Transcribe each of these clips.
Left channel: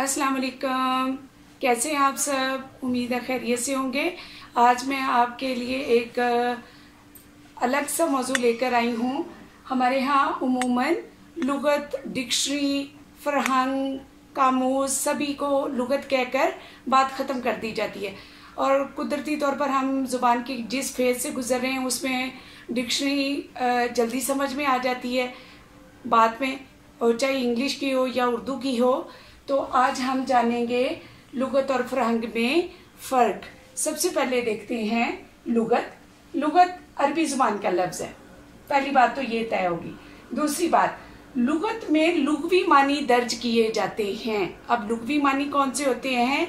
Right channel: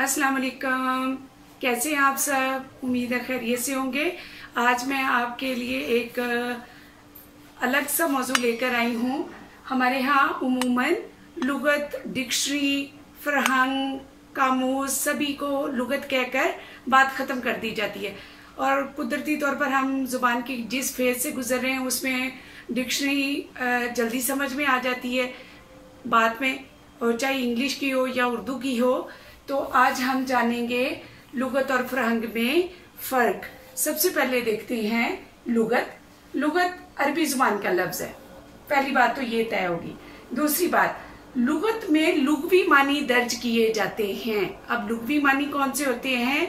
अस्सलाम वालेकुम। कैसे हैं आप सब? उम्मीद है खैरियत से होंगे। आज मैं आपके लिए एक अलग सा मौजू लेकर आई हूँ। हमारे यहाँ उमूमन लुगत, डिक्शनरी, फरहंग, कामूस सभी को लुगत कहकर बात ख़त्म कर दी जाती है और कुदरती तौर पर हम ज़ुबान की जिस फेज से गुजर रहे हैं उसमें डिक्शनरी जल्दी समझ में आ जाती है बाद में, और चाहे इंग्लिश की हो या उर्दू की हो। तो आज हम जानेंगे लुगत और फरहंग में फ़र्क। सबसे पहले देखते हैं लुगत। लुगत अरबी ज़ुबान का लफ्ज़ है, पहली बात तो ये तय होगी। दूसरी बात, लुगत में लुगवी मानी दर्ज किए जाते हैं। अब लुगवी मानी कौन से होते हैं?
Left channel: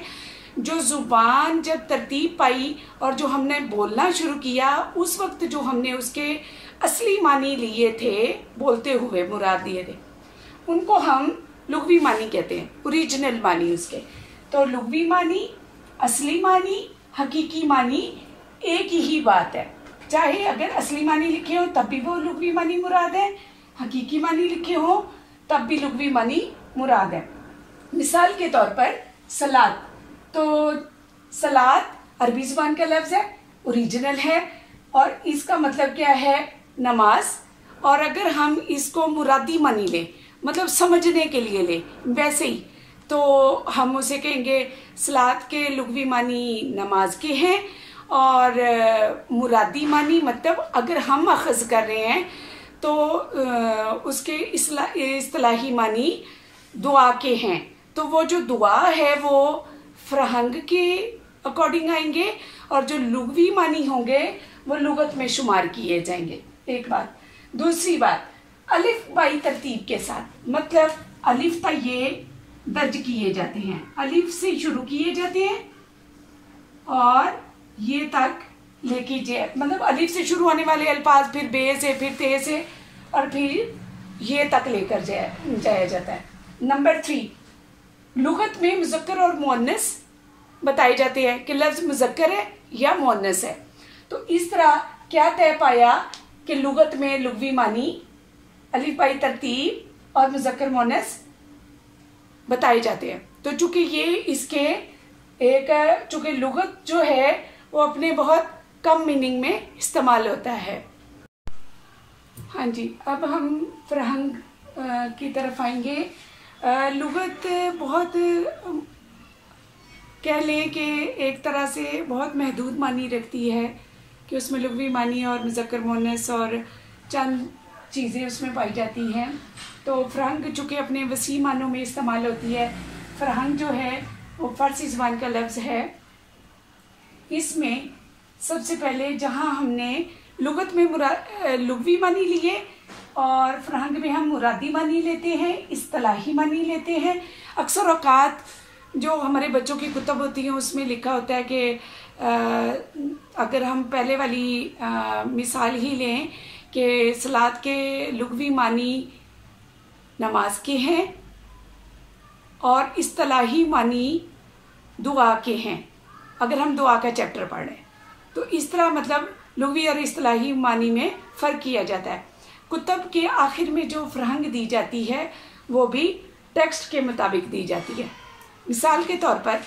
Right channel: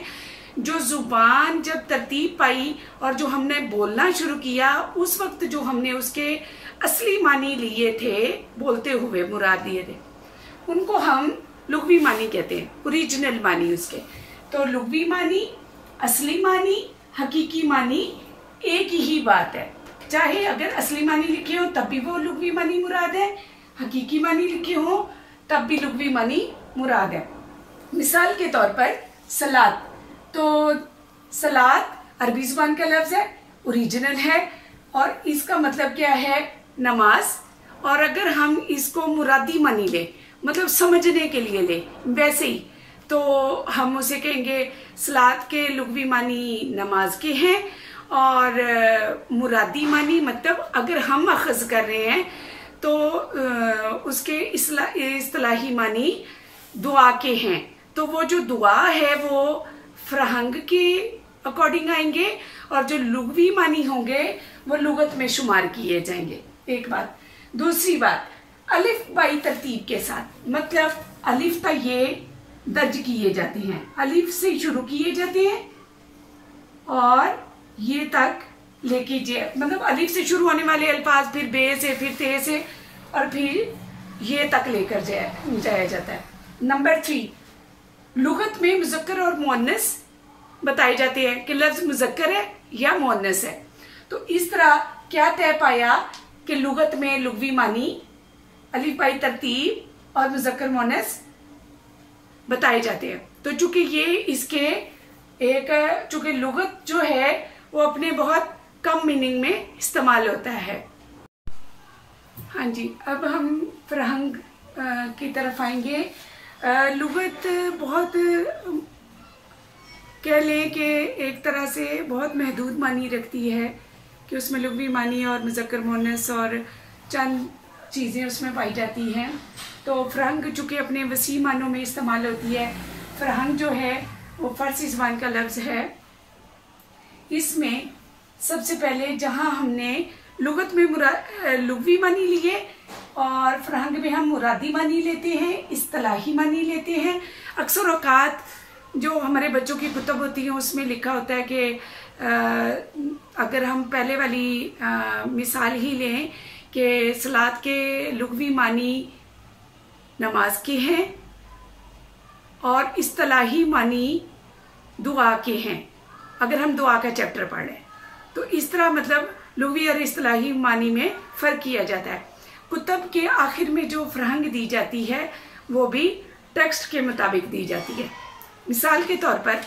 जो जुबान जब तरतीब पाई और जो हमने बोलना शुरू किया उस वक्त जो हमने उसके असली मानी लिए थे, बोलते हुए मुराद लिए थे, उनको हम लुगवी मानी कहते हैं, ओरिजिनल मानी उसके। तो लुगवी मानी, असली मानी, हकीकी मानी एक ही बात है। चाहे अगर असली मानी लिखे हो तब भी वो लुगवी मानी मुराद है, हकीकी मानी लिखे हो तब भी लुगवी मानी मुराद है। मिसाल के तौर पर सलात, तो सलात अरबी जुबान का लफ्ज है, ओरिजिनल है और इसका मतलब क्या है? नमाज। और अगर हम इसको मुरादी मानी ले, मतलब समझने के लिए ले वैसे ही, तो हम उसे कहेंगे सलात के लुगवी मानी नमाज के हैं और मुरादी मानी मतलब अगर हम अखज़ कर रहे हैं तो उसके इस्तिलाही मानी दुआ के हैं। तो वो जो दुआ है वो फरहंग के अकॉर्डिंग आएंगे और जो लुगवी मानी होंगे वो लुगत में शुमार किए जाएंगे। एक बात। दूसरी बात, अलिफ बाई तरतीब के साथ, मतलब अलिफ तक ये दर्ज किए जाते हैं, अलिफ से शुरू किए जाते हैं और ये तक लेके मतलब अलिफ से शुरू होने वाले अल्फाज फिर बे से, फिर ते से और फिर ये तक लेकर जाया जाता है। नंबर 3, लुगत में मुज़क्कर और मुअन्नस बताए जाते हैं कि लफ्ज मुज़क्कर है या मुअन्नस है। तो इस तरह क्या तय पाया कि लुगत में लुगवी मानी अलिफ बाई तरतीब और मुज़क्कर मुअन्नस बताए जाते हैं। तो चूंकि ये इसके चूंकि लुगत जो है वो अपने बहुत कम मीनिंग में इस्तेमाल होता है। हाँ जी, अब हम फरहंग की तरफ आएंगे। लुगत बहुत कह लें कि एक तरह से बहुत महदूद मानी रखती है कि उसमें लुगवी मानी और मुज़क्कर मुअन्नस और चंद चीज़ें उसमें पाई जाती हैं। तो फरहंग चूँकि अपने वसी मानों में इस्तेमाल होती है। फरहंग जो है वो फ़ारसी ज़ुबान का लफ्ज़ है। इसमें सबसे पहले जहाँ हमने लुगत में लुगवी मानी लिए और फरहंग में हम मुरादी मानी लेते हैं, इस्तिलाही मानी लेते हैं। अक्सर औकात जो हमारे बच्चों की कुतब होती हैं उसमें लिखा होता है कि अगर हम पहले वाली मिसाल ही लें कि सलात के लुगवी मानी नमाज के हैं और इस्तिलाही मानी दुआ के हैं। अगर हम दुआ का चैप्टर पढ़ रहे हैं तो इस तरह मतलब लुगवी और इस्तिलाही मानी में फ़र्क किया जाता है। कुतब के आखिर में जो फरहंग दी जाती है वो भी टेक्स्ट के मुताबिक दी जाती है। मिसाल के तौर पर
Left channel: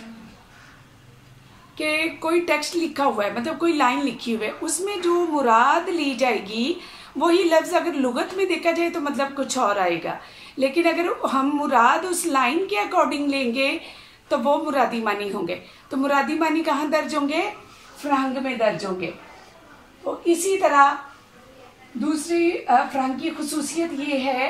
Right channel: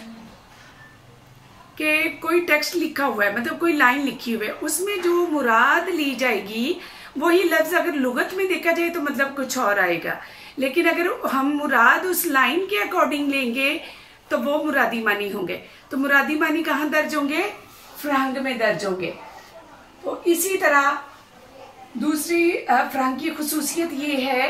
कि कोई टेक्स्ट लिखा हुआ है, मतलब कोई लाइन लिखी हुई है, उसमें जो मुराद ली जाएगी वही लफ्ज अगर लुगत में देखा जाए तो मतलब कुछ और आएगा, लेकिन अगर हम मुराद उस लाइन के अकॉर्डिंग लेंगे तो वो मुरादी मानी होंगे। तो मुरादी मानी कहाँ दर्ज होंगे? फरहंग में दर्ज होंगे। तो इसी तरह दूसरी फरहंग की खुसूसियत ये है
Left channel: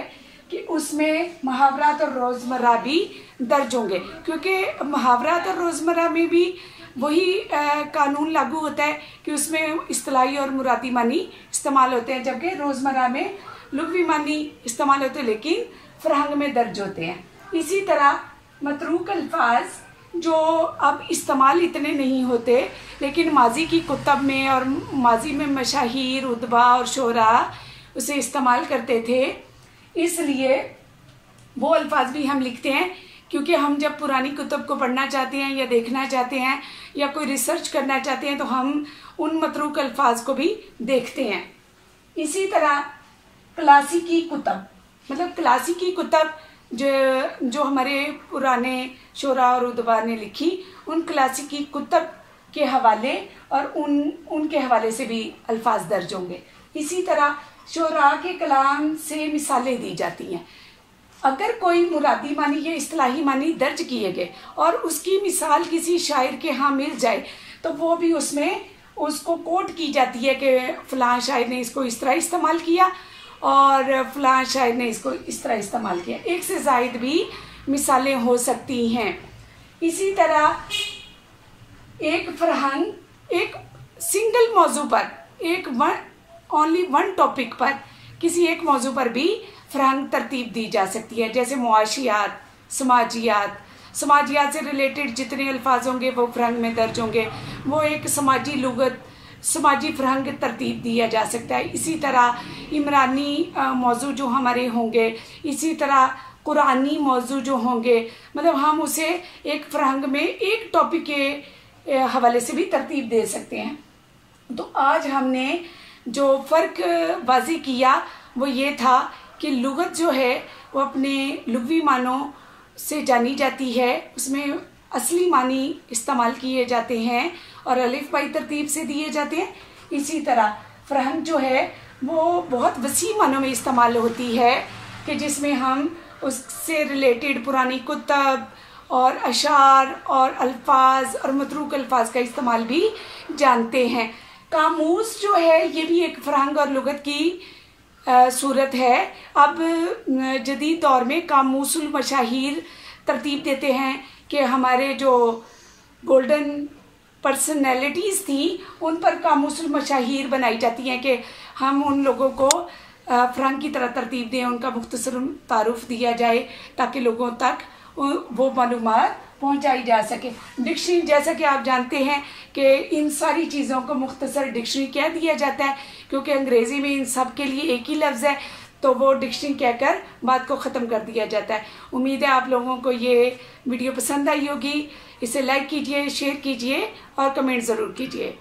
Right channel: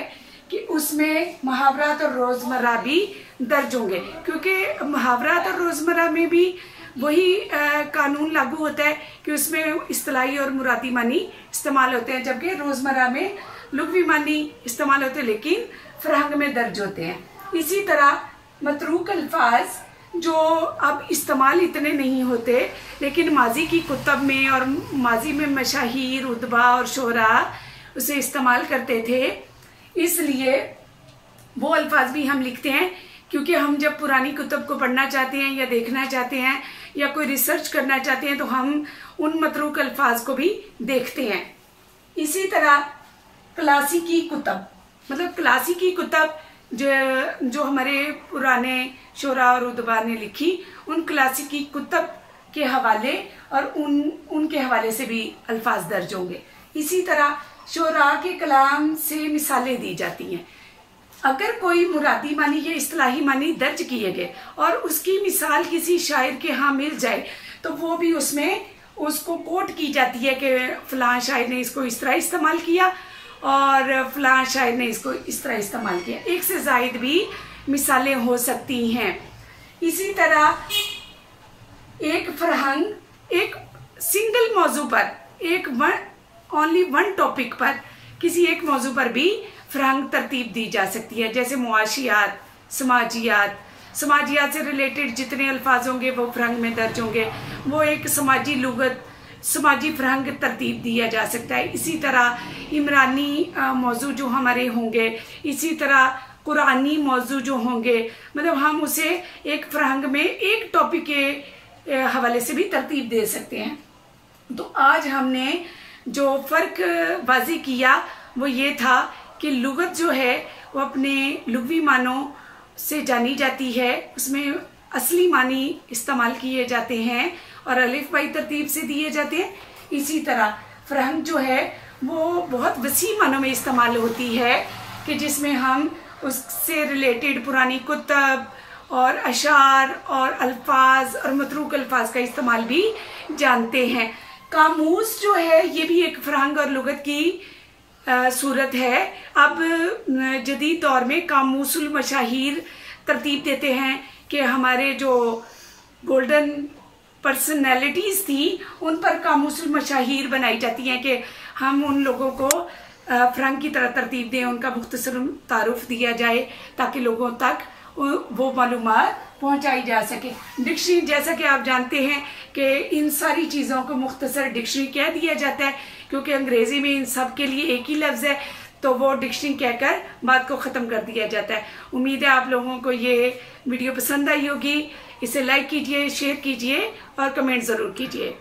कि उसमें मुहावरात और रोजमर्रा भी दर्ज होंगे, क्योंकि मुहावरात और रोजमर्रा में भी वही कानून लागू होता है कि उसमें इस्तिलाही और मुरादी मानी इस्तेमाल होते हैं, जबकि रोजमर्रा में लुगवी मानी इस्तेमाल होते हैं लेकिन फरहंग में दर्ज होते हैं। इसी तरह मतरूक अल्फाज जो अब इस्तेमाल इतने नहीं होते लेकिन माजी की कुतब में और माजी में मशाहीर, उदबा और शोरा उसे इस्तेमाल करते थे, इसलिए वो अल्फाज भी हम लिखते हैं क्योंकि हम जब पुरानी कुतब को पढ़ना चाहते हैं या देखना चाहते हैं या कोई रिसर्च करना चाहते हैं तो हम उन मतरूक अल्फाज को भी देखते हैं। इसी तरह क्लासिकी कुतब, मतलब क्लासिकी कुतब जो हमारे पुराने शोरा और उदबा ने लिखी, उन क्लासिकी कुतब के हवाले और उनके हवाले से भी अल्फाज दर्ज होंगे। इसी तरह शोरा के कलाम से मिसालें दी जाती हैं। अगर कोई मुरादी मानी या इस्तिलाही मानी दर्ज किए गए और उसकी मिसाल किसी शायर के यहाँ मिल जाए तो वो भी उसमें उसको कोट की जाती है कि फलां शायर ने इसको इस तरह इस्तेमाल किया और फलां शायर ने इसको इस तरह इस्तेमाल किया। एक से जायद भी मिसालें हो सकती हैं। इसी तरह एक फरहंग एक सिंगल मौजू पर ओनली वन टॉपिक पर किसी एक मौजू पर भी फरहंग तरतीब दी जा सकती है। जैसे मुआशियात, समाजियात से रिलेटेड जितने अल्फाज होंगे वो फरहंग में दर्ज होंगे, वो एक समाजी लुगत, समाजी फरहंग तरतीब दिया जा सकता है। इसी तरह इमरानी मौजू जो हमारे होंगे, इसी तरह कुरानी मौजू जो होंगे, मतलब हम उसे एक फरहंग में एक टॉपिक के हवाले से भी तरतीब दे सकते हैं। तो आज हमने जो फर्क वाज़ेह किया वो ये था कि लुगत जो है वो अपने लुग़वी मानों से जानी जाती है, उसमें असली मानी इस्तेमाल किए जाते हैं और अलिफ बाई तरतीब से दिए जाते हैं। इसी तरह फरहंग जो है वो बहुत वसी मानों में इस्तेमाल होती है कि जिसमें हम उससे रिलेटेड पुरानी कुतब और अशार और अल्फाज और मतरूक अल्फाज का इस्तेमाल भी जानते हैं। कामूस जो है ये भी एक फरहंग और लुगत की सूरत है। अब जदीद दौर में कामूसुल मशाहीर तरतीब देते हैं कि हमारे जो गोल्डन पर्सनैलिटीज थी उन पर कामूसुल मशाहीर बनाई जाती हैं कि हम उन लोगों को फरहंग की तरह तरतीब दें, उनका मुख्तसर तारुफ दिया जाए ताकि लोगों तक वो मालूमात पहुंचाई जा सके। डिक्शनरी, जैसा कि आप जानते हैं कि इन सारी चीज़ों को मुख्तसर डिक्शनरी कह दिया जाता है क्योंकि अंग्रेजी में इन सब के लिए एक ही लफ्ज़ है, तो वो डिक्शनरी कहकर बात को ख़त्म कर दिया जाता है। उम्मीद है आप लोगों को ये वीडियो पसंद आई होगी। इसे लाइक कीजिए, शेयर कीजिए और कमेंट ज़रूर कीजिए।